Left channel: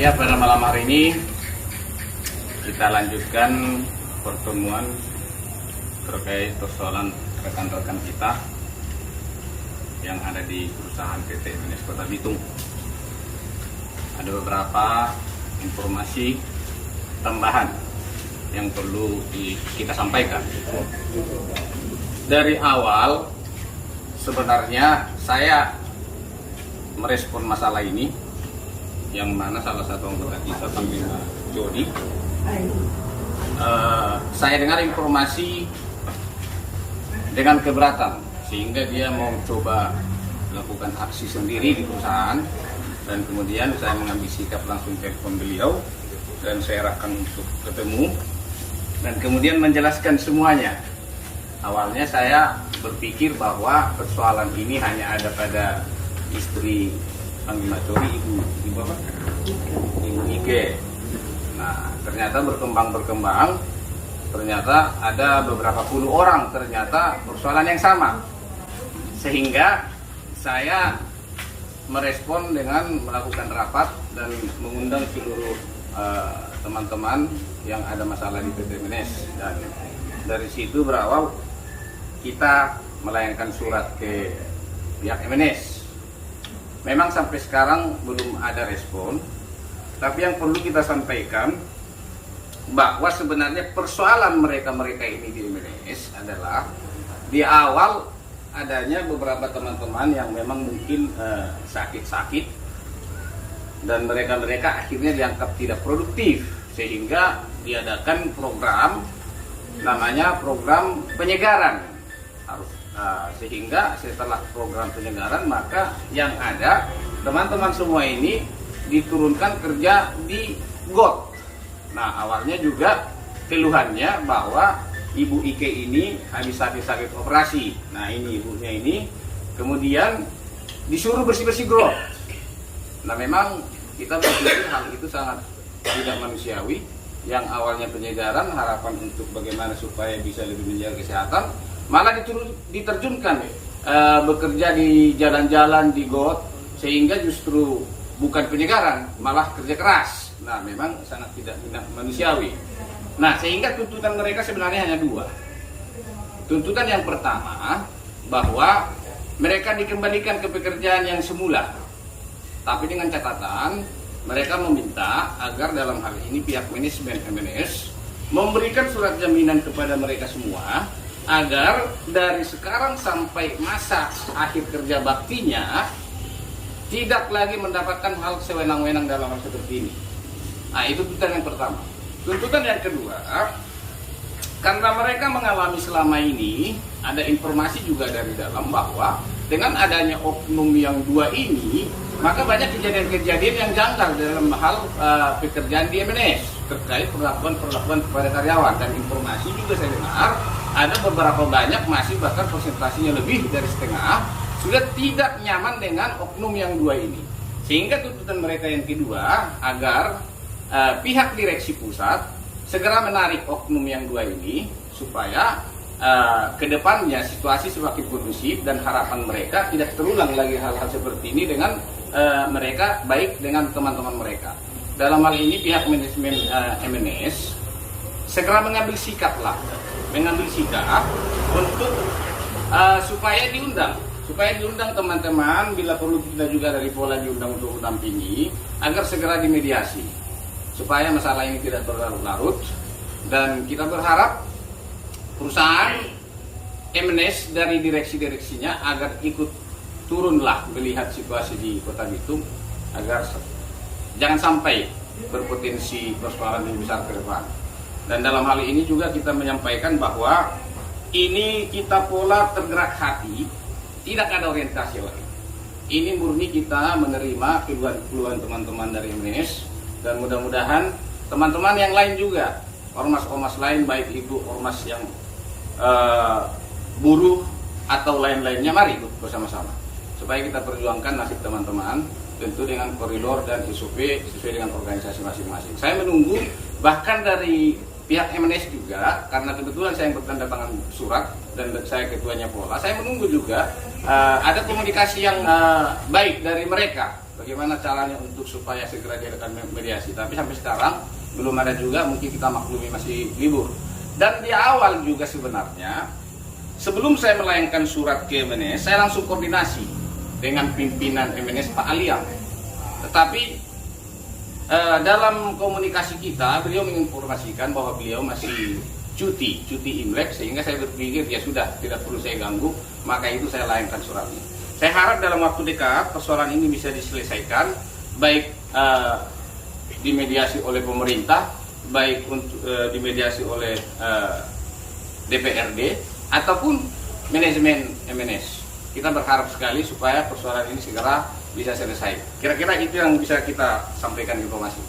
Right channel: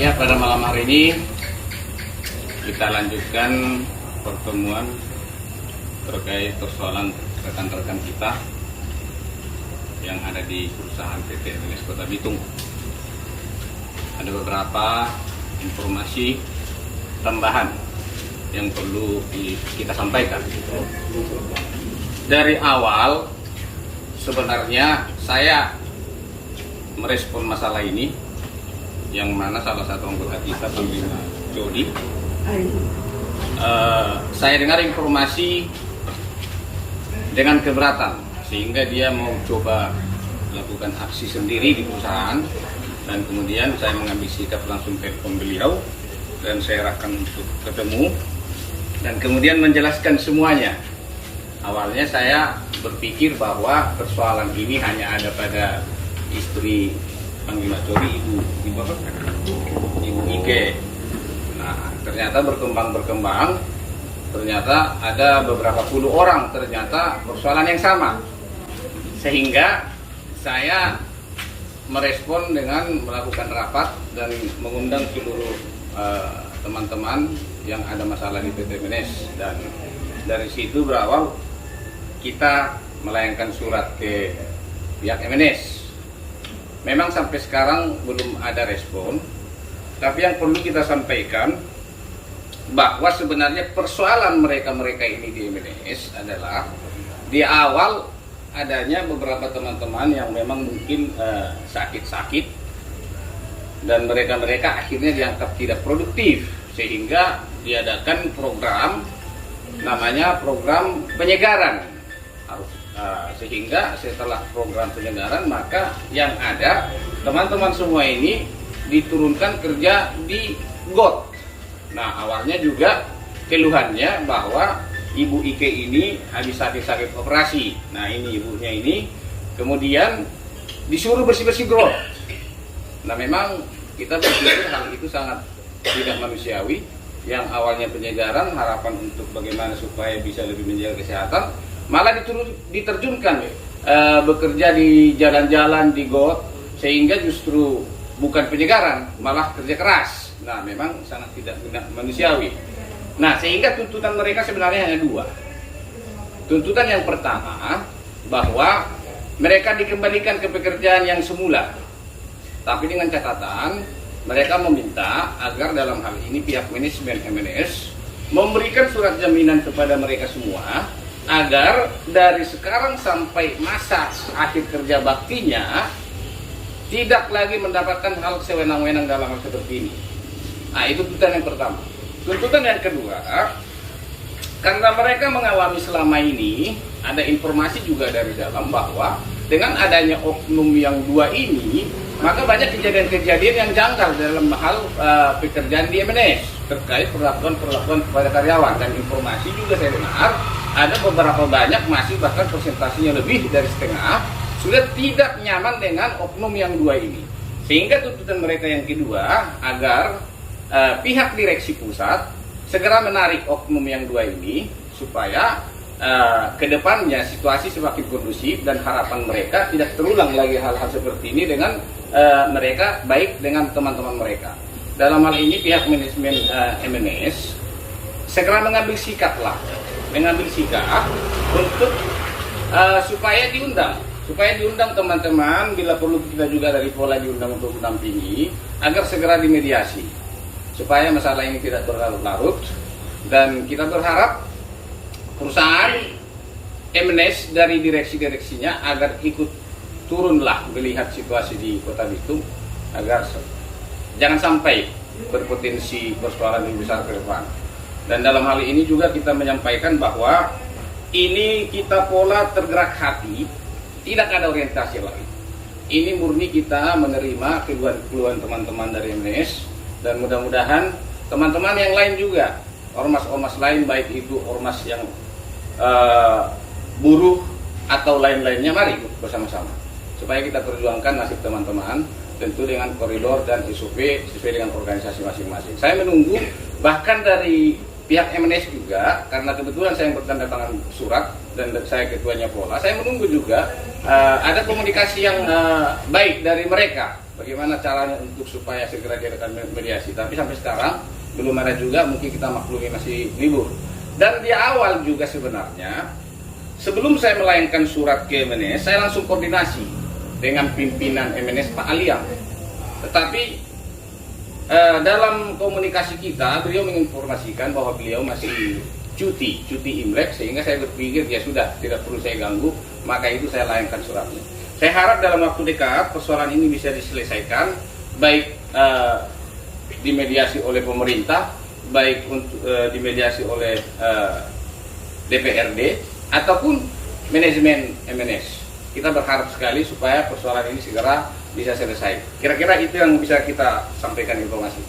Ya, pada malam hari ini kita lanjutkan pertemuan terkait persoalan rekan-rekan kita yang ada di perusahaan PT MNS Kota Bitung. Ada beberapa informasi tambahan yang perlu kita sampaikan. Dari awal sebenarnya saya merespon masalah ini, yang mana salah satu anggota kita panggilnya Jody. Saya dengar informasi dengan keberatan, sehingga dia mau coba lakukan aksi sendiri di perusahaan, dan kemudian saya mengambil sikap langsung telepon beliau dan saya arahkan untuk ketemu dan kemudian menjelaskan semuanya. Awalnya saya berpikir bahwa persoalan ini hanya ada pada istri panggil Macori, Ibu Ike. Nah, ternyata berkembang, ternyata ada beberapa puluh orang ternyata persoalan yang sama, sehingga saya merespon dengan melakukan rapat dan mengundang seluruh teman-teman yang ada masalah di PT MNS, dan dari situ berawal kita melayangkan surat ke pihak MNS. Memang sampai sekarang belum ada respon, tapi yang perlu kita sampaikan bahwa sebenarnya persoalan mereka ini di MNS adalah di awal adanya beberapa teman-teman yang memang mungkin sakit-sakit, dan mereka akhirnya dianggap tidak produktif, sehingga diadakan program namanya program penyegaran. Sehingga setelah program penyegaran, maka yang ada teman-teman semua ini diturunkan kerja di GOT. Nah, awalnya juga keluhannya bahwa Ibu Ike ini habis sakit operasi. Nah, ini ibunya ini kemudian disuruh bersih-bersih GOT. Nah, memang kita berpikir hal itu sangat tidak manusiawi. Yang awalnya penyegaran, harapan untuk bagaimana supaya bisa lebih menjaga kesehatan, malah diterjunkan bekerja di jalan-jalan di GOT, sehingga justru bukan penyegaran, malah kerja keras. Nah, memang sangat tidak manusiawi. Nah, sehingga tuntutan mereka sebenarnya hanya dua. Tuntutan yang pertama, bahwa mereka dikembalikan ke pekerjaan yang semula, tapi dengan catatan mereka meminta agar dalam hal ini pihak manajemen MNS memberikan surat jaminan kepada mereka semua, agar dari sekarang sampai masa akhir kerja baktinya tidak lagi mendapatkan hal sewenang-wenang dalam hal seperti ini. Nah, itu tuntutan yang pertama. Tuntutan yang kedua, karena mereka mengalami selama ini, ada informasi juga dari dalam bahwa dengan adanya oknum yang dua ini, maka banyak kejadian-kejadian yang janggal dalam hal pekerjaan di MNS terkait perlakuan kepada karyawan. Dan informasi juga saya dengar ada beberapa banyak, masih bahkan persentasinya lebih dari setengah, sudah tidak nyaman dengan oknum yang dua ini. Sehingga tuntutan mereka yang kedua, agar pihak direksi pusat segera menarik oknum yang dua ini, supaya kedepannya situasi semakin kondusif, dan harapan mereka tidak terulang lagi hal-hal seperti ini dengan mereka, baik dengan teman-teman mereka. Dalam hal ini pihak manajemen MNS segera mengambil sikap untuk supaya diundang teman-teman, bila perlu kita juga dari Pola diundang untuk mendampingi, agar segera dimediasi supaya masalah ini tidak berlarut-larut. Dan kita berharap perusahaan MNS dari direksinya agar ikut turunlah melihat situasi di Kota Bitung, agar jangan sampai berpotensi persoalan yang besar ke depan. Dan dalam hal ini juga kita menyampaikan bahwa ini kita Pola tergerak hati, tidak ada orientasi lain. Ini murni kita menerima keluhan teman-teman dari MNS, dan mudah-mudahan teman-teman yang lain juga, ormas-ormas lain, baik itu ormas yang buruh atau lain-lainnya, mari bersama-sama supaya kita perjuangkan nasib teman-teman, tentu dengan koridor dan SOP sesuai dengan organisasi masing-masing. Saya menunggu bahkan dari pihak MNS juga, karena kebetulan saya yang bertanda tangan surat dan saya ketuanya Pola, saya menunggu juga ada komunikasi yang baik dari mereka bagaimana caranya untuk supaya segera diadakan mediasi. Tapi sampai sekarang belum ada juga, mungkin kita maklumi masih libur. Dan di awal juga sebenarnya, sebelum saya melayangkan surat ke MNS, saya langsung koordinasi dengan pimpinan MNS Pak Aliam. Tetapi dalam komunikasi kita, beliau menginformasikan bahwa beliau masih cuti Imlek, sehingga saya berpikir ya sudah, tidak perlu saya ganggu, maka itu saya layangkan suratnya. Saya harap dalam waktu dekat persoalan ini bisa diselesaikan, baik dimediasi oleh pemerintah, baik untuk dimediasi oleh DPRD ataupun manajemen MNS. Kita berharap sekali supaya persoalan ini segera bisa selesai. Kira-kira itu yang bisa kita sampaikan informasi.